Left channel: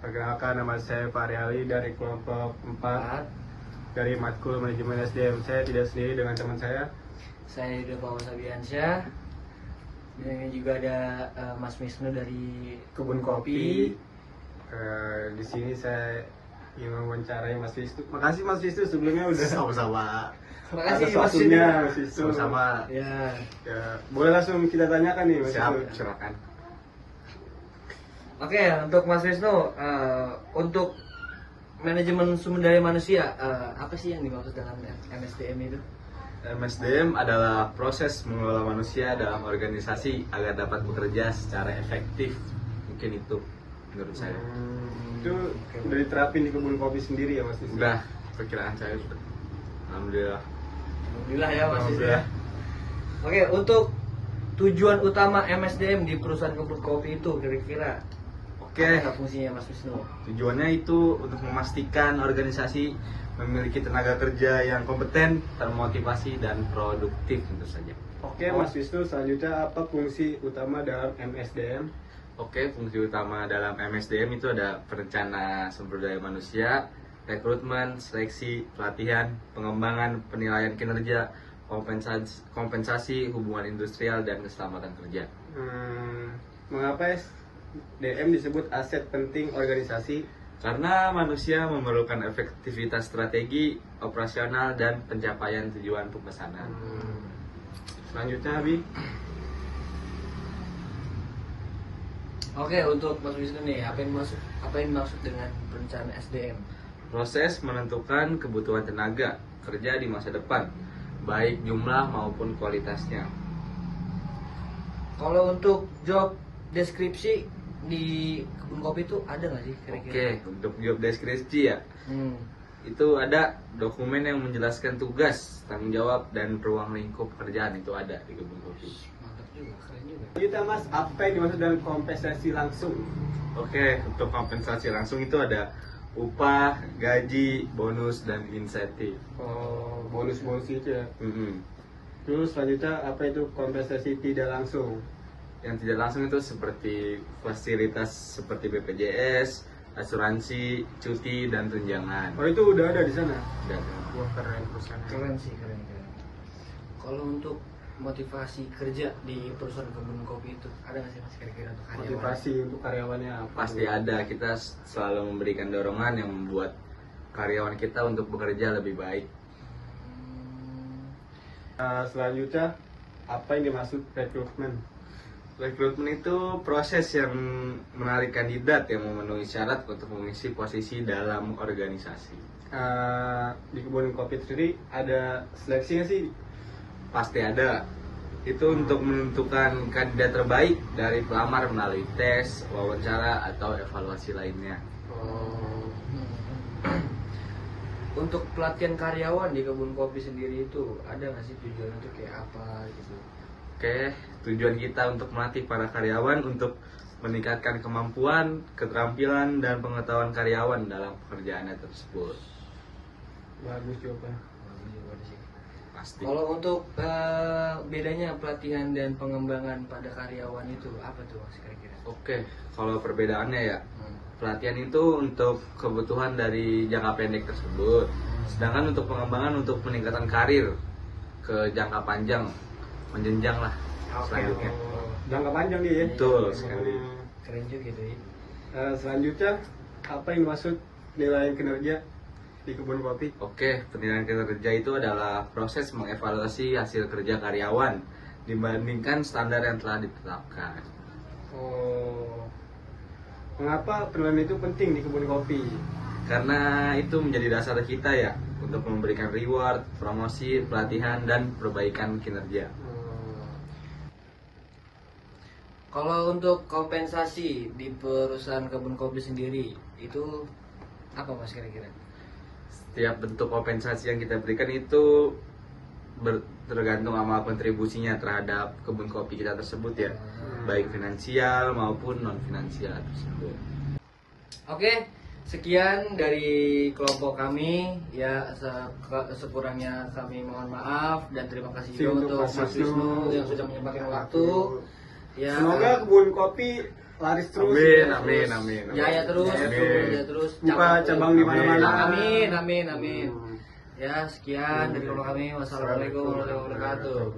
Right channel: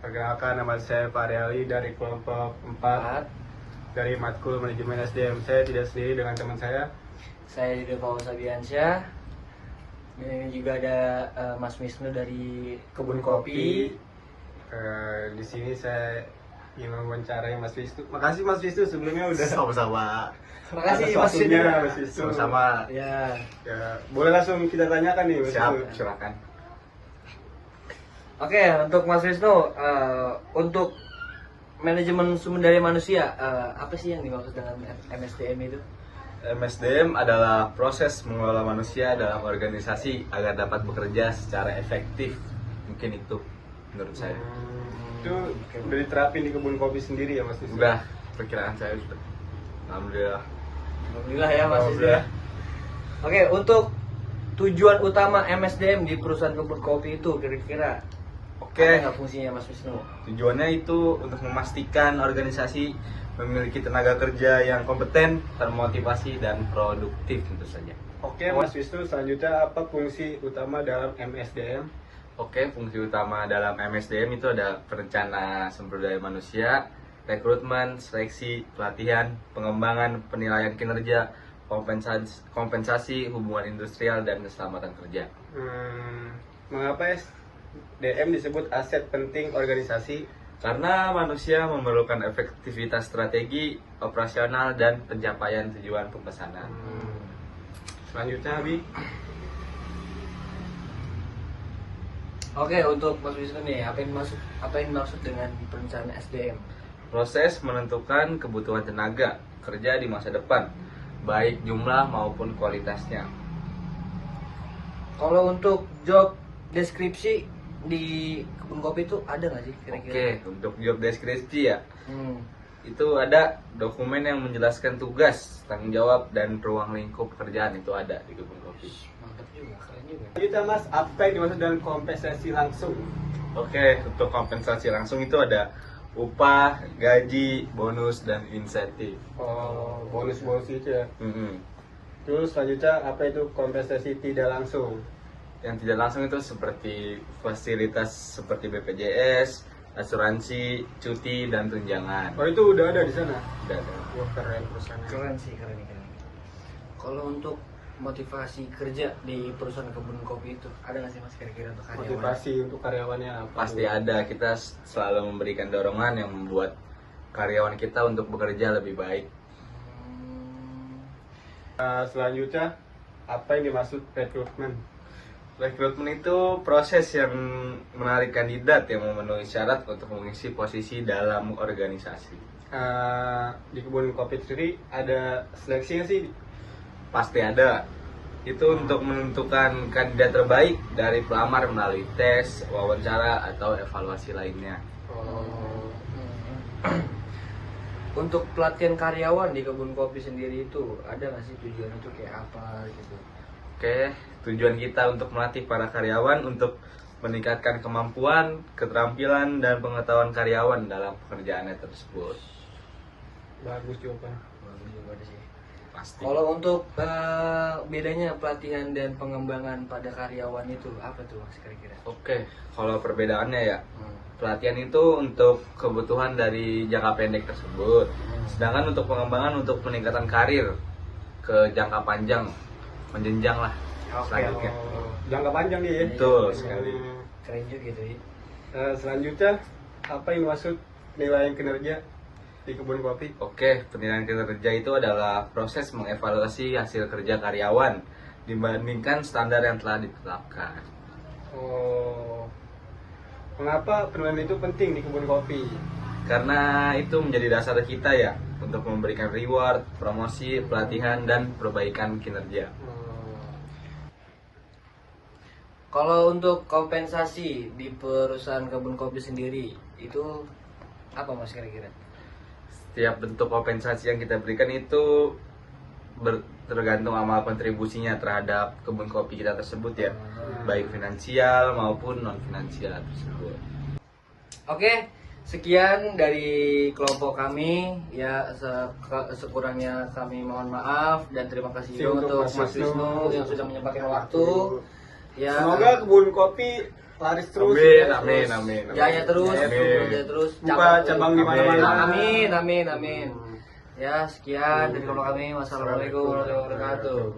Perkenalkan, nama saya Pak Ariali dari kelompok 4 dari Matkul Manajemen SDM. Saya tidak sendiri dengan teman saya. Saya juga Paul Sabiansyah. Ini juga ada Mas Wisnu dari Kebun Kopi. Di sini saya ingin mewawancarai Mas Wisnu. Makasih Mas Wisnu sebelumnya udah Sama-sama. atas waktunya Mas Wisnu. Sama-sama. Ya. Ya, boleh langsung kita tanyakan nih Mas Siap, Wisnu. silakan. Oke, untuk Mas Wisnu, untuk manajemen sumber daya manusia, apa sih yang dimaksud dengan MSDM itu? MSDM adalah proses mengelola manusia dalam organisasi agar dapat bekerja secara efektif. Mungkin itu menurut saya. Itu udah diterapin di Kebun Kopi sendiri ya Mas Wisnu? Udah, perkiraan saya sudah. Alhamdulillah. Alhamdulillah ya Mas Wisnu. Alhamdulillah. Oke, untuk tujuan utama MSDM di perusahaan Kebun Kopi itu kira-kira Oke, apa fungsinya Mas Wisnu? tujuannya itu untuk memastikan organisasi memiliki tenaga kerja yang kompeten, termotivasi, dan produktif tentu saja. Oke Mas Wisnu, selanjutnya apa fungsi utama dalam MSDM? Oke, fungsi utama dalam MSDM itu ada perencana sumber daya manusia, rekrutmen, seleksi, pelatihan, pengembangan, penilaian kinerja, kompensasi hubungan industrial, dan keselamatan kerja. Mengapa SDM disebut aset penting organisasi? Karena manusia memerlukan efektivitas strategi, operasional, dan pencapaian tujuan pemesanan. Selanjutnya Abi. Oke, untuk Mas Wisnu nih, apa yang dimaksud dengan perencanaan SDM? Proses menentukan kebutuhan tenaga kerja di masa depan, baik jumlah maupun kualitasnya. Kalau untuk job deskripsi di Kebun Kopi itu ada nggak sih kira-kira? Oke, untuk job deskripsi ya, Hmm. itu ada dokumen yang menjelaskan tugas, tanggung jawab, dan ruang lingkup pekerjaan itu ada di Kebun Kopi. Mantap juga, keren juga. Selanjutnya Mas, apa yang dimaksud dengan kompensasi langsung? Oke, untuk kompensasi langsung itu ada upah, gaji, bonus, dan insentif. Oh, bonus-bonus itu ya. Mm-mm. Terus selanjutnya apa itu kompensasi tidak langsung? Yang tidak langsung itu seperti fasilitas seperti BPJS, asuransi, cuti, dan tunjangan. Oh, itu udah ada di sana. Udah ada. Wah, keren perusahaannya. Keren sih, keren. Kalau untuk motivasi kerja di perusahaan Kebun Kopi itu ada nggak sih Mas kira-kira untuk karyawan? Motivasi untuk karyawannya apa? Pasti ada, kita selalu memberikan dorongan yang membuat karyawan kita untuk bekerja lebih baik. Selanjutnya apa yang dimaksud rekrutmen? Rekrutmen itu proses yang menarik kandidat yang memenuhi syarat untuk mengisi posisi dalam organisasi. Di Kebun Kopi sendiri ada seleksinya sih. Pasti ada. Itu untuk menentukan kandidat terbaik dari pelamar melalui tes, wawancara, atau evaluasi lainnya. Oh, Untuk pelatihan karyawan di Kebun Kopi sendiri itu ada nggak sih tujuannya itu kayak apa gitu? Oke, tujuan kita untuk melatih para karyawan untuk meningkatkan kemampuan, keterampilan, dan pengetahuan karyawan dalam pekerjaannya tersebut. bagus jawabannya. Pasti. Kalau untuk bedanya pelatihan dan pengembangan pada karyawan itu apa tuh Mas kira-kira? Oke, kalau perbedaannya ya, Hmm. pelatihan itu untuk kebutuhan dari jangka pendek tersebut. Sedangkan untuk pengembangan untuk peningkatan karir ke jangka panjang, menjenjang lah selanjutnya. Oh, jangka panjang nih ya. Betul sekali. Keren juga gitu ya. Selanjutnya apa yang dimaksud penilaian kinerja di Kebun Kopi? Oke, penilaian kinerja itu adalah proses mengevaluasi hasil kerja karyawan dibandingkan standar yang telah ditetapkan. Oh, mengapa penilaian itu penting di Kebun Kopi? Karena itu menjadi dasar kita ya untuk memberikan reward, promosi, pelatihan, dan perbaikan kinerja. Kalau untuk kompensasi di perusahaan Kebun Kopi sendiri itu apa Mas kira-kira? Setiap bentuk kompensasi yang kita berikan itu tergantung amal kontribusinya terhadap kebun kopi kita tersebut ya, baik finansial maupun non finansial tersebut. Oke, sekian dari kelompok kami ya, sekurangnya kami mohon maaf dan terima kasih juga Untuk untuk Mas Mas Wisnu Wisnu yang sudah menyempatkan waktu. Ya, Semoga Kebun Kopi laris terus. Amin. Jaya terus, Amin. jaya terus. Buka cabang di mana-mana. Amin. Ya, sekian dari kami. Wassalamualaikum warahmatullahi wabarakatuh.